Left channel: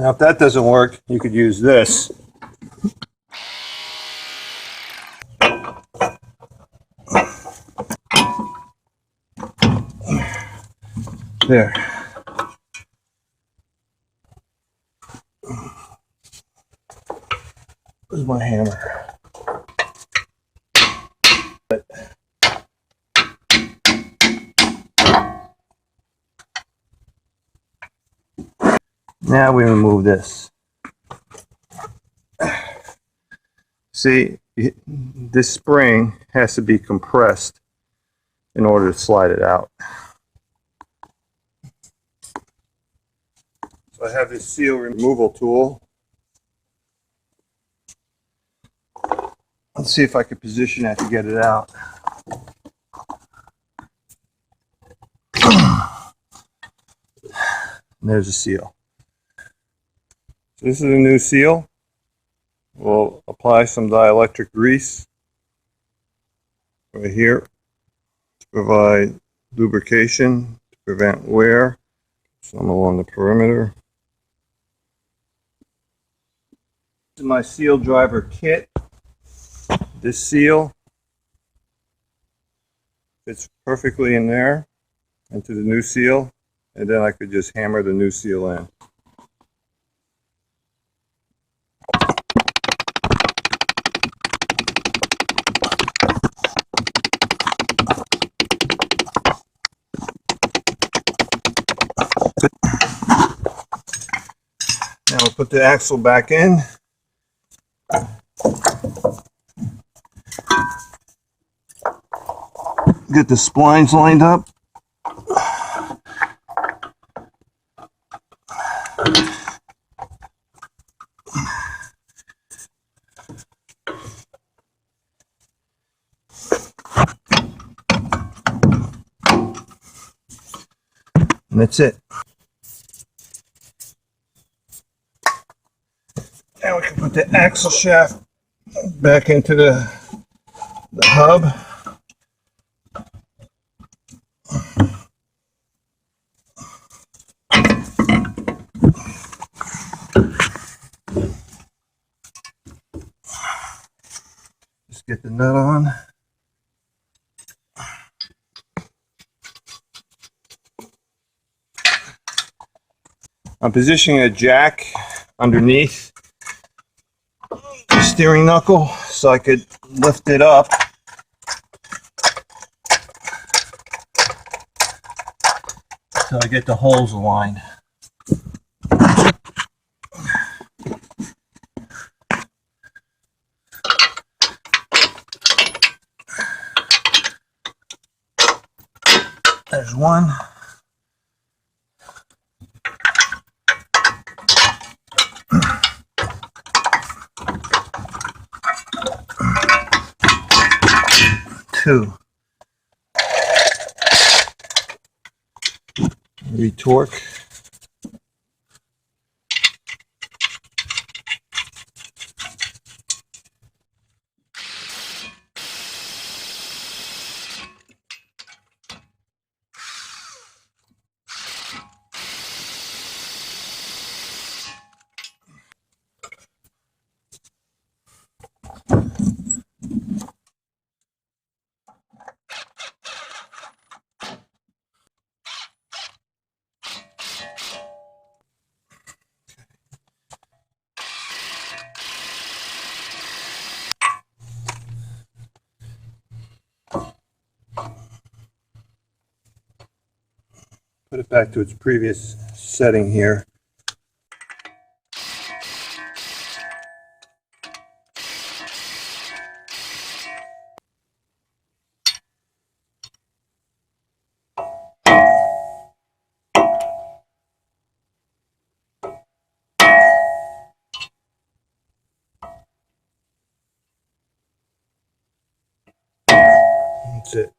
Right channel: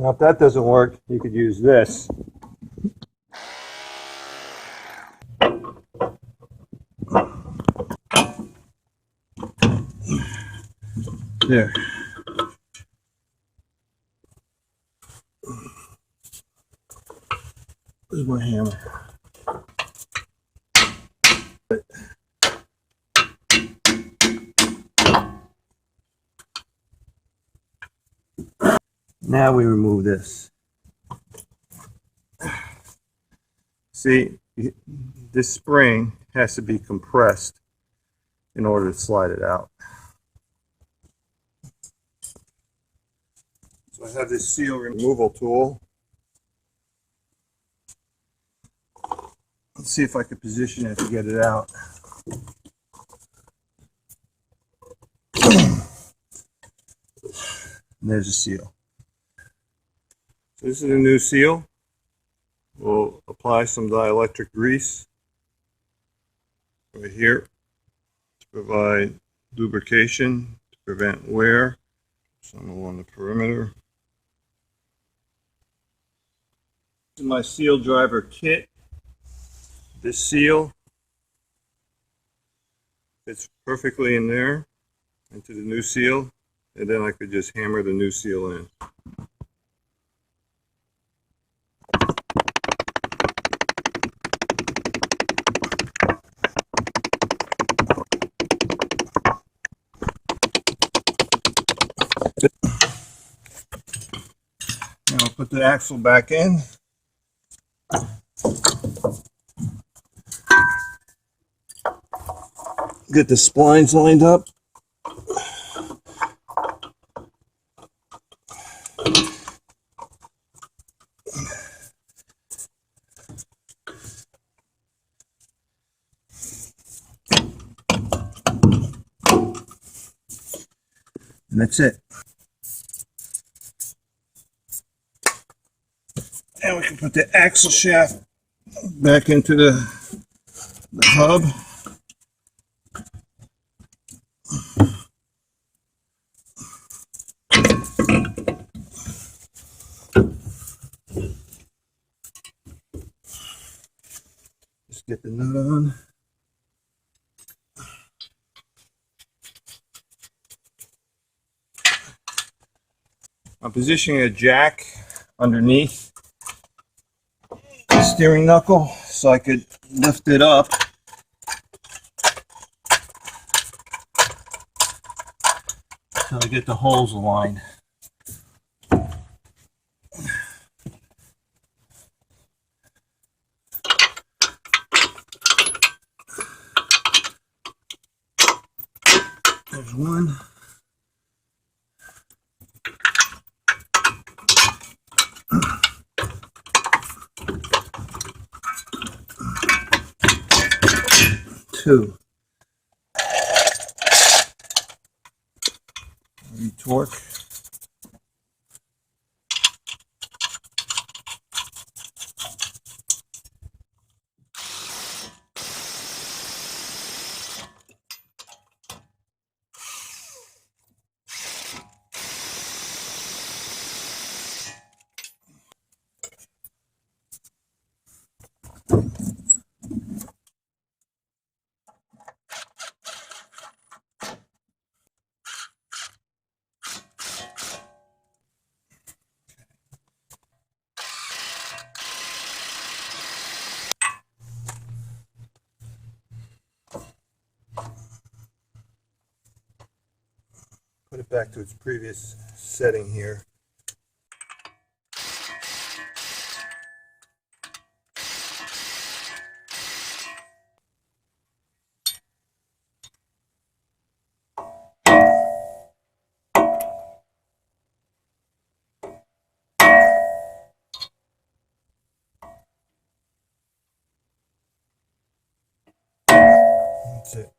Now if that doesn't work, you could use this. There. Where's my hammer? Now we remove this. See, this spring has to be compressed in order to slide it out. So I have this seal removal tool. Let's see if I can position that to get it out. And there's a seal. So this is a new seal. We'll apply some dielectric grease right here to provide lubrication, to prevent wear. Some along the perimeter. This is my seal driver kit. This seal fits perfectly in there into the new seal, and then I could just hammer the new seal in. Now we'll put the axle back in. Get the splines lined up. And that's it. Now we can put the axle shaft back into the hub. Just get the nut on. I'm positioning a jack underneath the steering knuckle so I could lift it up. So I get the holes aligned. There's one. Two. Retorque. Put it back to its previous setting here. That's it.